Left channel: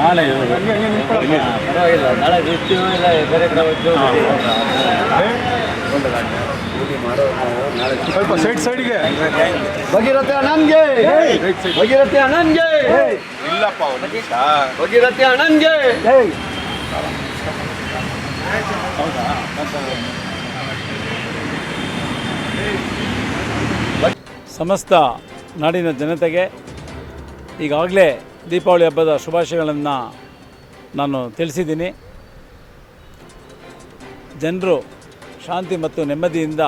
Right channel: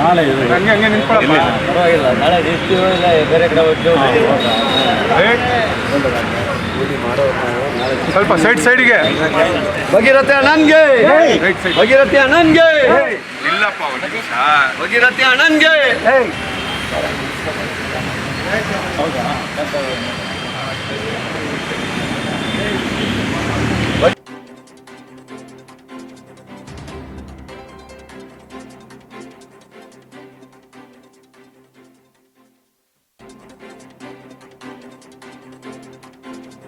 ನಾಳೆ ಪರವಾಗಿಲ್ಲ, ನಾಳೆ ಇರ್ತೀವೋ ಇಲ್ಲ ಬೇರೆ ಕಡೆ ಹೋಗ್ತೀವೋ ಸ್ವಲ್ಪ ಸೈಡ್ಗೆ ಭಗೀರಥಿ ಅಣ್ಣನ್ಗೆ, ಭಗೀರಥಿ ಅಣ್ಣನ್ಗೆ, ಭಗೀರಥಿ ಅಣ್ಣನ್ಗೆ. ಹೌದಾ? ಸಮಸ್ತ ನಾಡಿನ ಜನತೆಗೆ ಈಗಾಗಲೇ ದೀಪಾವಳಿ ಹಬ್ಬದ ಶುಭಾಶಯಗಳನ್ನು ನಾನು ತಿಳಿಸಿದ್ದೀನಿ. ಜನರು ಶಾಂತಿ ಮತ್ತು ನೆಮ್ಮದಿಯಿಂದ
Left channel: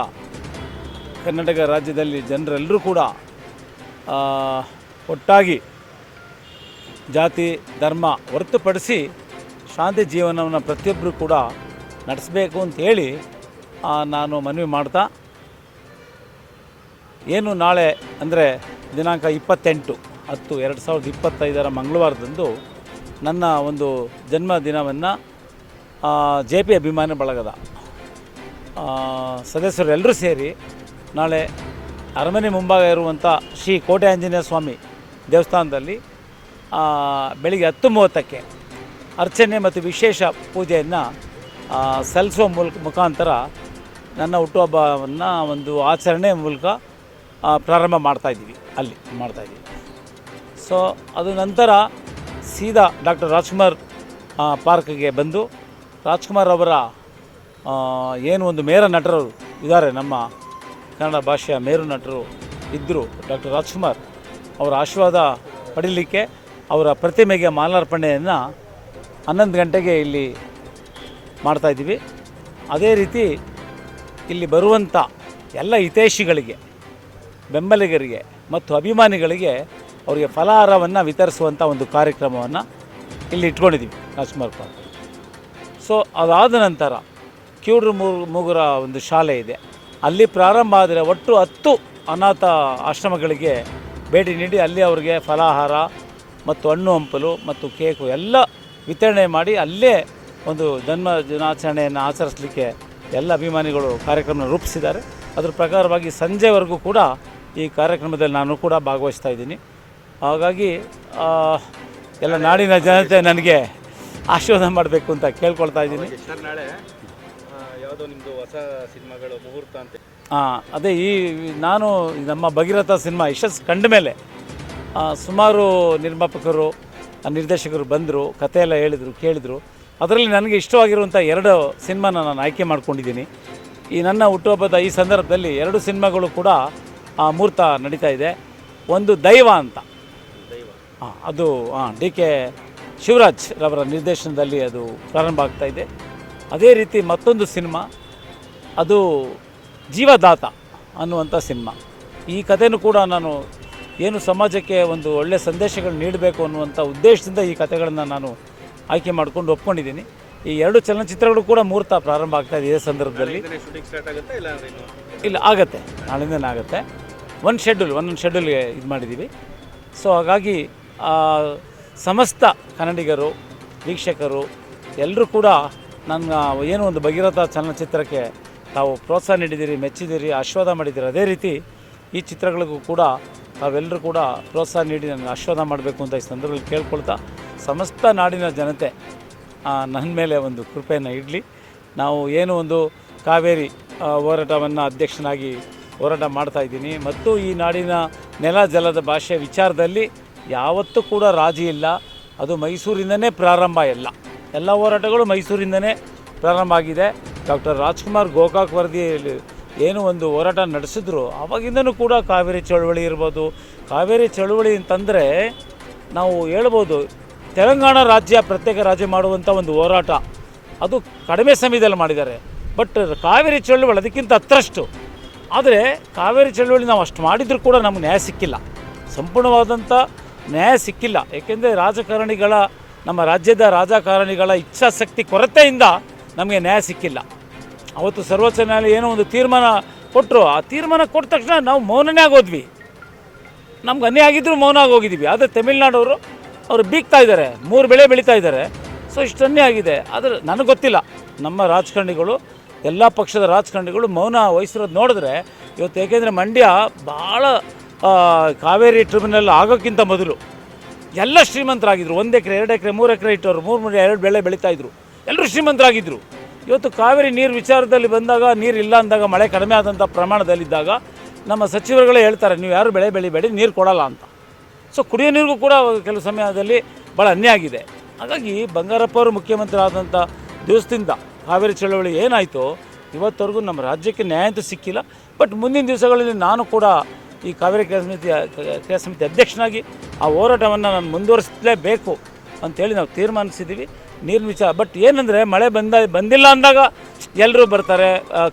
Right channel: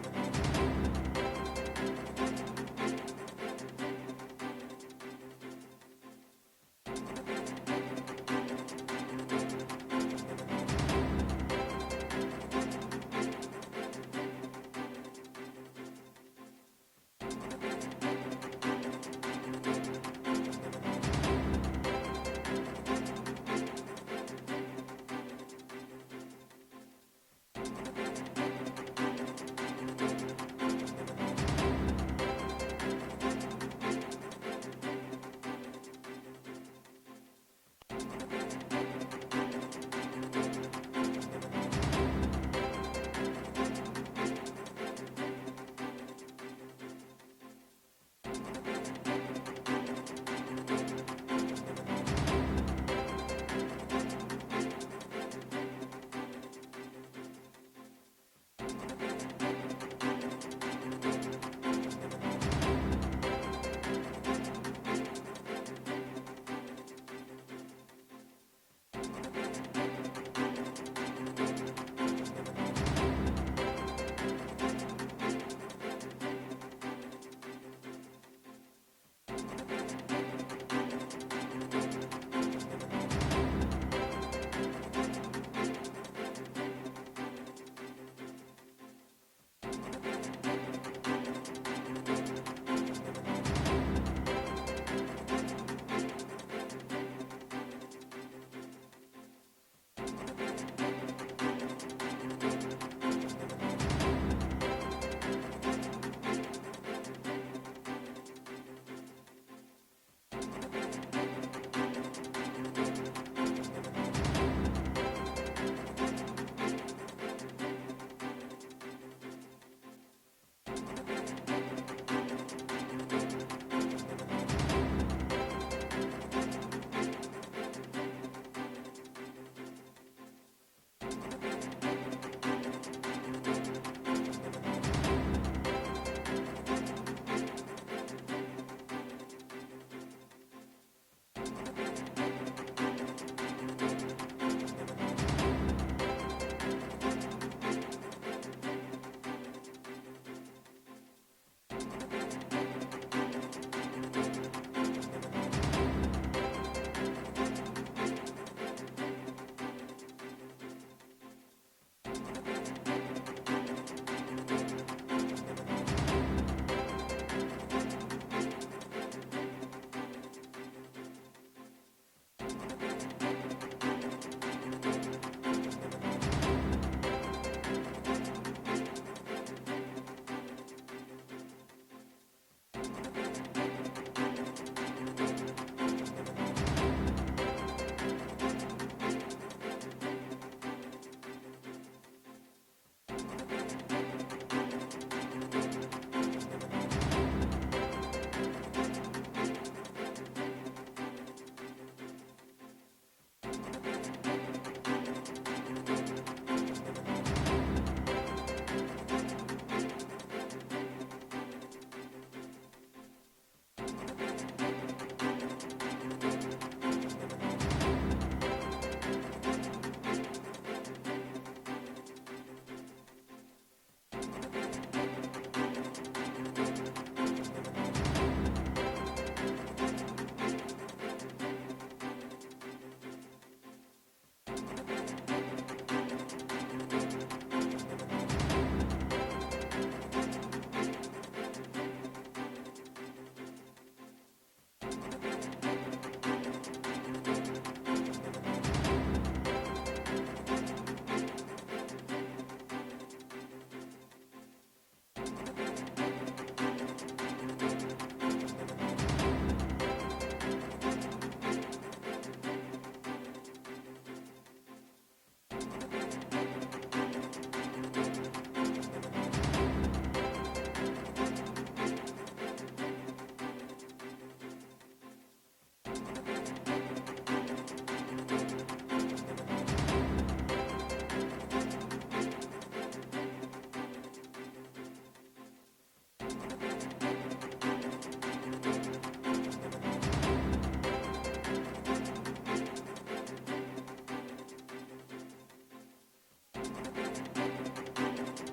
ಕರ್ನಾಟಕ ರಾಜ್ಯದಲ್ಲಿ ಜನರೆಲ್ಲರೂ ಕೂಡ ಒಟ್ಟಾಗಿ ಜಾತಿ ಧರ್ಮ ಹೊರತುಪಡಿಸಿ ಶಾಂತಿ ಜೀವನವನ್ನು ಪ್ರತಿಯೊಬ್ಬರು ಕೂಡ ನಡೆಸಬೇಕು ಅಂತೇಳಿ ನಾನು ಮನವಿ ಮಾಡ್ತಾ, ಏನು ನಾಳೆ ಅಂದರೆ ದಿನಾಂಕ 28/10/2025 ಮಂಗಳವಾರದಂದು ನನ್ನ ಒಂದು ಜನ್ಮದಿನವನ್ನು JP ಅಭಿಮಾನಿ ಬಳಗದ ಸದಸ್ಯರು ಎಲ್ಲರೂ ಸೇರಿ ನಾಳೆ ಅರಮನೆ ಮುಂಭಾಗ ಇರುವಂಥ ಶ್ರೀ ಕೋಟೆ ಆಂಜನೇಯ ಸ್ವಾಮಿ ದೇವಸ್ಥಾನದಲ್ಲಿ ಬೆಳಿಗ್ಗೆ 10:30ಕ್ಕೆ ಅರ್ಚನೆ ಮತ್ತು ವಿಶೇಷ ಪೂಜೆಯನ್ನು ಸಲ್ಲಿಸುವ ಮುಖಾಂತರ ನನ್ನ ಹುಟ್ಟುಹಬ್ಬವನ್ನು ಒಂದು ಆಚರಣೆ ಮೂಲಕ ಪ್ರಾರಂಭ ಮಾಡ್ತಾಯಿದ್ದೀವಿ, ಅಲ್ಲಿ ಮಾಡ್ತಾಯಿದ್ದೀವಿ. ಸೊ ಅದು ನಂತರ ಸೀದಾ ಡಾಕ್ಟರ್ ರಾಜ್ಕುಮಾರ್ ಪಾರ್ಕ್ಗೆ ಬಂದು ರಾಜ್ಕುಮಾರ್ ಅವರ ಏನು ಒಂದು ಮೇರು ನಟರು ಇದ್ದಾರೆ, ನಮ್ಮ ಕನ್ನಡ ಭಾಷೆಯ ಮೇರು ನಟರು ಇದ್ದರು ಡಾಕ್ಟರ್ ರಾಜ್ಕುಮಾರ್ ಅವರ ಆಶೀರ್ವಾದ ಪಡೀಲಿಕ್ಕೆ ಅವರ ಪ್ರತಿಮೆಗೆ ಮಾಲಾರ್ಪಣೆಯನ್ನು 11 ಗಂಟೆಗೆ ಇಲ್ಲಿ ಮಾಡ್ತಾಯಿದ್ದೀವಿ. ಅದೇ ರೀತಿ ಇಲ್ಲಿ ಬರುವಂಥ ಎಲ್ಲ ಹಿತೈಷಿಗಳಿಗೆ, ಬೆಂಬಲಿಗರಿಗೆ ಮತ್ತು ಅಭಿಮಾನಿಗಳಿಗೆ ಅವರಿಗೆ ಫಲಾಹಾರವನ್ನು ವಿತರಿಸುವಂಥ ಒಂದು ಕಾರ್ಯಕ್ರಮವನ್ನು ಇಲ್ಲಿ ಇಟ್ಕೊಂಡಿದ್ದೀವಿ ರಾಜ್ಕುಮಾರ್ ಪಾರ್ಕ್. ಸೊ ಅದಾದ ನಂತರ ಕಿವುಡ್ರು ಮೂಗರ ಒಂದು ಶಾಲೆ ಇದೆ, ಅಲ್ಲಿ ಪ್ರಾರಂಭ ಆದರೆ ಒಟ್ಟು 10 ಅನಾಥ ಆಶ್ರಮಗಳಿಗೆ ಭೇಟಿ ನೀಡಿ ಅಲ್ಲಿ ಅವರಿಗೆ ಫಲಾಹಾರ ಮತ್ತು ಹಣ್ಣು ಹಂಪಲು ಮತ್ತು ಕೇಕು ಎಲ್ಲ ವಿತರಣೆ ಮಾಡಿ ಅಲ್ಲೇ ಒಂದು ದಿನಾಚರಣೆಯನ್ನು ಆಚರಿಸಲಿಕ್ಕೆ ಎಲ್ಲ ಅಭಿಮಾನಿಗಳು ಕಾರ್ಯಕ್ರಮ ರೂಪಿಸಿದ್ದಾರೆ. ಅದರ ಪ್ರಕಾರವಾಗಿ ಸಂಜೆವರೆಗೂ ಕೂಡ ಈ ಕಾರ್ಯಕ್ರಮದಲ್ಲಿ ನಾನು ಕೂಡ ಭಾಗವಹಿಸ್ತಾ ಇದ್ದೀನಿ. ಹಾಗಾಗಿ ಎಲ್ಲ ನಾಡಿನ ಜನತೆ ನನಗೆ ಆಶೀರ್ವಾದ ಮಾಡಬೇಕು ಅಂತ ಕೇಳ್ಕೊಳ್ತಾ ಇದ್ದೀನಿ. ಯಾವುದೋ ನಿಮ್ಮದು ಹೊಸ ಸಿನಿಮಾಗಳು ಮುಹೂರ್ತ ಅಂತ? ಅದೇ ನಾನು ನಮ್ಮ ಭಗೀರಥ ಸಿನಿಮಾ ಯಶಸ್ಸು ಕಂಡ ಮೇಲೆ ಸುಮಾರು ನಿರ್ಮಾಪಕರು ನಿರ್ದೇಶಕರು ಬಂದರು, ಕಥೆಯೆಲ್ಲ ಹೇಳಿದರು, ಕೇಳಿದರು. ಅದರಲ್ಲಿ ನನಗೆ ಇಷ್ಟವಾಗಿರುವಂಥ 2 ಸಿನಿಮಾನ ನಾನು ಆಯ್ಕೆ ಮಾಡ್ಕೊಂಡಿದ್ದೀನಿ. ಈ ನನ್ನ ಹುಟ್ಟುಹಬ್ಬದ ಈ ಸಂದರ್ಭದಲ್ಲಿ 2 ಸಿನಿಮಾಗಳು ಕೂಡ ಮುಹೂರ್ತ ನಡೀತಾ ಇದೆ. ಒಂದು ದೈವ ಅಂತ, ಅದು DK ಶಿವರಾಜ್ ರವರ ನಿರ್ದೇಶನದಲ್ಲಿ ಅದು ಪ್ರಾರಂಭ ಆಗ್ತಾ ಇದೆ. ಅದೇ ರೀತಿ ಮತ್ತೊಂದು ಸಿನಿಮಾ, ಅದು ಜೀವದಾತ ಅನ್ನುವಂಥ ಸಿನಿಮಾ. ಈ ಕಥೆನೂ ಕೂಡ ನಾನು ಏನು ಸಮಾಜಕ್ಕೆ ಒಂದು ಒಳ್ಳೆಯ ಸಂದೇಶಗಳು ನೀಡಬೇಕು ಅನ್ನುವಂಥ ಉದ್ದೇಶದಿಂದ ಈ ಕಥೆಗಳನ್ನು ನಾನು ಆಯ್ಕೆ ಮಾಡ್ಕೊಂಡು ಒಪ್ಕೊಂಡಿದ್ದೀನಿ. ಈ 2 ಚಲನಚಿತ್ರಗಳು ಕೂಡ ಮುಹೂರ್ತ ಪ್ರಾರಂಭ ಆಗ್ತಾ ಇದೆ. ಇದೇ ಸಂದರ್ಭದಲ್ಲಿ ಇಲ್ಲ, ಆಗುತ್ತೆ, ನಾಳಿಂದನೇ ಆಗುತ್ತೆ. ಒಂದೊಂದು ಶೆಡ್ಯೂಲ್ಗೆ ಇದು ಮಾಡಿದ್ದೀವಿ. ಸೊ ಹಾಗಾಗಿ ಸಮಸ್ತ ಕನ್ನಡಿಗರು, ವೀಕ್ಷಕರು ಎಲ್ಲರೂ ಕೂಡ ನನ್ನ ಏನು ಒಂದು ಭಗೀರಥ ಚಲನಚಿತ್ರಕ್ಕೆ ತಾವು ಪ್ರೋತ್ಸಾಹ ನೀಡಿದ್ದೀರಿ, ಮೆಚ್ಚಿದ್ದೀರಿ, ಆಶೀರ್ವಾದ ಮಾಡಿದ್ದೀರಿ. ಅದೇ ರೀತಿ ಈ ಚಿತ್ರಗಳಿಗೂ ಕೂಡ ತಾವೆಲ್ಲರೂ ಕೂಡ ಪ್ರೋತ್ಸಾಹ ನೀಡಿ ನನಗೆ ಆಶೀರ್ವಾದ ಮಾಡಬೇಕು ಅಂತ ಈ ಸಂದರ್ಭದಲ್ಲಿ ಕೇಳ್ಕೊಳ್ತಾ, ಸಮಸ್ತ ನಾಡಿನ ಜನತೆ ನನ್ನ ಮೇಲೆ ಒಂದು ಕೃಪೆಯನ್ನು ಇಡಲಿ. ನಾವು ಏನು ಒಂದು ಕಾವೇರಿ ಹೋರಾಟವನ್ನು ಅಧ್ಯಕ್ಷನಾಗಿ ಹೋರಾಟ ಮಾಡ್ತಾಯಿದ್ದೀನಿ ಮತ್ತು ಈ ನಾಡಿನ ನೆಲ ಜಲದ ಭಾಷೆ ವಿಚಾರದಲ್ಲಿ ಯಾವತ್ತೂ ಕೂಡ ರಾಜಿ ಇಲ್ಲ. ಅದು ಮೈಸೂರಿಂದನೇ ಪ್ರಾರಂಭ, ಎಲ್ಲ ಹೋರಾಟಗಳು ಮೈಸೂರಿಂದನೇ ಪ್ರಾರಂಭ ಆಗಿದೆ. ಡಾಕ್ಟರ್ ರಾಜ್ಕುಮಾರ್ ಗೋಕಾಕ್ ವರದಿಯಲ್ಲಿ ಏನು ಒಂದು ಹೋರಾಟ ನಡೆಸಿದ್ರು, ಆವಾಗಿಂದನೂ ಕೂಡ ಕಾವೇರಿ ಚಳವಳಿ ಇರ್ಬೋದು. ಕಾವೇರಿ ಚಳವಳಿ ಅಂತಂದರೆ ನಾವು ಹೇಳ್ಬೋದು, ತೆಲಂಗಾಣ ರಾಜ್ಯ ಪ್ರತ್ಯೇಕ ರಾಜ್ಯ ಮಾಡುವಂಥ ಒಂದು ಹೋರಾಟ ಅದು ಕಡಿಮೆ ಸಮಯದಲ್ಲಿ ಮಾಡಿದ್ದಾರೆ. ಬಟ್ ಕಾವೇರಿ ಚಳವಳಿ ಅದಕ್ಕಿಂತ ಹತ್ತರಷ್ಟು. ಆದರೆ ಕಾವೇರಿ ಚಳವಳಿ ನಾವು ಅಷ್ಟು ಮಾಡಿದರೂ ಕೂಡ ನಮಗೆ ನ್ಯಾಯ ಸಿಕ್ಕಿಲ್ಲ, ಸಂಪೂರ್ಣವಾದಂಥ ನ್ಯಾಯ ಸಿಕ್ಕಿಲ್ಲ. ಏಕೆಂದರೆ ನಮ್ಮ ರಾಜ್ಯದ ರಾಜಕಾರಣಿಗಳ ಇಚ್ಛಾಶಕ್ತಿ ಕೊರತೆಯಿಂದ ನಮಗೆ ನ್ಯಾಯ ಸಿಕ್ಕಿಲ್ಲ. ಅವತ್ತು ಸರ್ವೋಚ್ಚ ನ್ಯಾಯಾಲಯ ಏನೋ ಒಂದು ತೀರ್ಮಾನ ಕೊಟ್ಟರು, ಆ ತೀರ್ಮಾನ ಕೊಟ್ಟ ತಕ್ಷಣ ನಾವು ಮೌನನೇ ಆಗೋದ್ವಿ. ನಮ್ಗೆ ಅನ್ಯಾಯ ಆಗಿದ್ದರೂ ಮೌನ ಆಗೋಗಿದ್ದೀವಿ. ಆದರೆ ತಮಿಳ್ನಾಡವರು ಅವರು ಬೀಗ್ತಾ ಇದ್ದಾರೆ, 3 ಬೆಳೆ ಬೆಳೀತಾ ಇದ್ದಾರೆ. ಸೊ ಇಷ್ಟನ್ನೇ ಆಗಿದೆ. ಆದರೆ ನನಗೆ ಗೊತ್ತಿಲ್ಲ, ನಮ್ಮ ರಾಜಕಾರಣಿಗಳು, ಎಲ್ಲ ಪಕ್ಷದ ರಾಜಕಾರಣಿಗಳು ಮೌನ ವಹಿಸಿರೋದು ನೋಡಿದ್ರೆ ಇವತ್ತು, ಏಕೆಂದರೆ ಮಂಡ್ಯ ಭಾಳ ಕಾವೇರಿ ಟ್ರಿಬ್ಯುನಲ್ ಆಗೋಕ್ಕಿಂತ ಮೊದಲು ಎಲ್ಲ ಶ್ರೀಮಂತರಾಗಿದ್ದರು. 1 ಎಕರೆ 2 ಎಕರೆ 3 ಎಕರೆ ಇಟ್ಟವರು 3 2 ಬೆಳೆ ಬೆಳೀತಾಯಿದ್ರು. ಎಲ್ಲರೂ ಶ್ರೀಮಂತರಾಗಿದ್ದರು. ಇವತ್ತು ಕಾವೇರಿ ನೀರು ವಿಚಾರದಲ್ಲಿ ಬಂದಾಗ, ನೀರು ಇಲ್ಲ ಅಂದಾಗ, ಮಳೆ ಕಡಿಮೆ ಆದಂಥ ಪ್ರಮಾಣದಲ್ಲಿದ್ದಾಗ ನಮ್ಮ ಸಚಿವರುಗಳೇ ಹೇಳ್ತಾರೆ, ನೀವು ಯಾರು ಬೆಳೆ ಬೆಳಿಬೇಡಿ, ನೀರು ಕೊಡಲ್ಲ ಅಂತ. ಸೊ ಕುಡಿಯೋ ನೀರಿಗೂ ಕೂಡ ಕೆಲವು ಸಮಯದಲ್ಲಿ ಭಾಳ ಅನ್ಯಾಯ ಆಗಿದೆ. ಹಾಗಾಗಿ ಬಂಗಾರಪ್ಪ ಅವರು ಮುಖ್ಯಮಂತ್ರಿ ಆದಂಥ ದಿವಸದಿಂದ ಕಾವೇರಿ ಚಳವಳಿ ಏನಾಯಿತು ಇವತ್ತವರೆಗೂ ನಮ್ಮ ರಾಜ್ಯಕ್ಕೆ ನ್ಯಾಯ ಅಂತೂ ಸಿಕ್ಕಿಲ್ಲ. ಬಟ್ ಮುಂದಿನ ದಿವಸಗಳಲ್ಲಿ ನಾನು ಕೂಡ ಈ ಕಾವೇರಿ ಕ್ರಿಯಾ ಸಮಿತಿ ಅಧ್ಯಕ್ಷನಾಗಿ ಆ ಹೋರಾಟವನ್ನು ನಾನು ಮುಂದುವರಿಸಲೇಬೇಕು ಅಂಥೇಳಿ ನಾವು ತೀರ್ಮಾನಿಸಿದ್ದೀವಿ ನೀರಿನ ವಿಚಾರ. ಬಟ್ ಏನಂದರೆ ಮಳೆ ಬಂದಿಲ್ಲ ಅಂದಾಗ ಎಲ್ಲರೂ ಬರ್ತಾರೆ,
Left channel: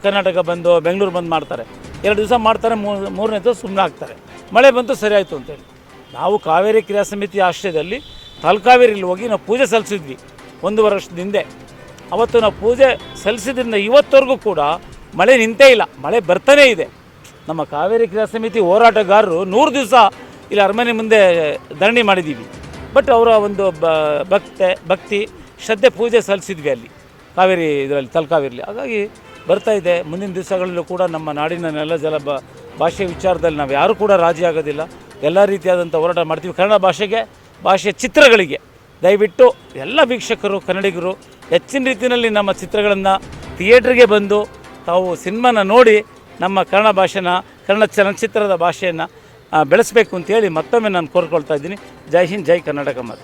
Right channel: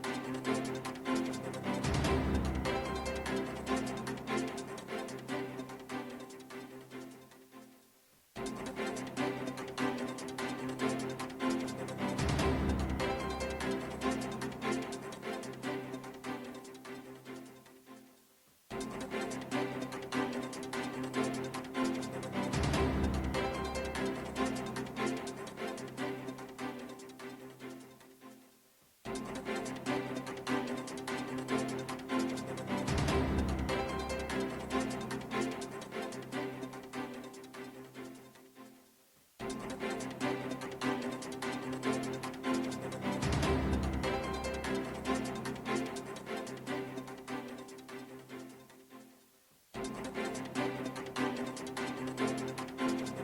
ಕರ್ನಾಟಕ ಬಂದು ಬೆಂಗಳೂರು ಬಂದು ಮಾಡ್ತಾರೆ, 2 ದಿವಸ ಮಾಡ್ತಾರೆ, ಮೂರನೇ ದಿವಸ ಸುಮ್ಮನೆ ಆಗ್ತಾರೆ. ಮಳೆ ಬಂತು ಸರಿ ಆಯಿತು ಅಂತೇಳಿ. ನಾವು ಕಾವೇರಿ ಕ್ರಿಯಾ ಸಮಿತಿ ಆಶ್ರಯದಲ್ಲಿ ತಲಕಾವೇರಿಲಿ ಹೋಗಿ ನಾವು ಪೂಜೆ ಸಲ್ಲಿಸಿದ್ವಿ 1 ವರ್ಷದ ಹಿಂದೆ. ಅವತ್ತು ನಾವು ಪೂಜೆ ಸಲ್ಲಿಸಿದ್ರಿಂದ ಇವತ್ತವರೆಗೂ ಕೂಡ ಮಳೆ ನಿಂತೇ ಇಲ್ಲ, ಮಳೆ ಬರ್ತಾನೇ ಇದೆ. ನಮ್ಮ ಕಾವೇರಿ ಕ್ರಿಯಾ ಸಮಿತಿ ಹೋರಾಟಗಾರರು 100 ದಿವಸ ಇಲ್ಲಿ ಅರಮನೆ ಮುಂದೆ ಧರಣಿ ಮಾಡಿದ್ದೀವಿ. ಬಟ್ ಅವರ ಒಂದು ಭಕ್ತಿ ಶ್ರದ್ಧೆ ಪೂಜೆ ಸಲ್ಲಿಸಿದ್ವಿ ಅಲ್ಲಿ ಕಾವೇರಿ ಇದರಲ್ಲಿ ತಲಕಾವೇರಿಲಿ. ಹಾಗಾಗಿ ಬರ್ತಾ ಇದೆ. ಮುಂದಿನ ದಿವಸಗಳಲ್ಲೂ ಕೂಡ ನಮ್ಮ ನಾಡಿನ ನೆಲ ಜಲ ಭಾಷೆ ವಿಚಾರದಲ್ಲಿ ನಾವು ಯಾರೂ ಕೂಡ ರಾಜಿ ಆಗೋದಿಲ್ಲ. ಎಲ್ಲ ರೀತಿಯಾದಂಥ ಹೋರಾಟ ಮಾಡ್ತೀವಿ. ಕನ್ನಡ ಭಾಷೆಯ ಚಿತ್ರಗಳಿಗೆ ದಯವಿಟ್ಟು ಎಲ್ಲ ವೀಕ್ಷಕರು ಕನ್ನಡಿಗರು ಹೆಚ್ಚಿನ ರೀತಿಯಲ್ಲಿ ನಮ್ಮ ಚಿತ್ರಗಳನ್ನು ಥಿಯೇಟ್ರಿಗೆ ಬಂದು ತಾವು ಸಿನಿಮಾನ ನೋಡಿ ನಮ್ಮ ಕನ್ನಡ ಭಾಷೆನ, ಕನ್ನಡ ಚಲನಚಿತ್ರದ ಭಾಷೆಯನ್ನು ಬೆಳೆಸಬೇಕು ಅಂತೇಳಿ ಮತ್ತೊಮ್ಮೆ ನಾನು ಕೋರ್ಕೊಳ್ತಾ ಇದ್ದೀನಿ. ಜೈ ಹಿಂದ್, ಜೈ ಕರ್ನಾಟಕ ಮಾತೆ.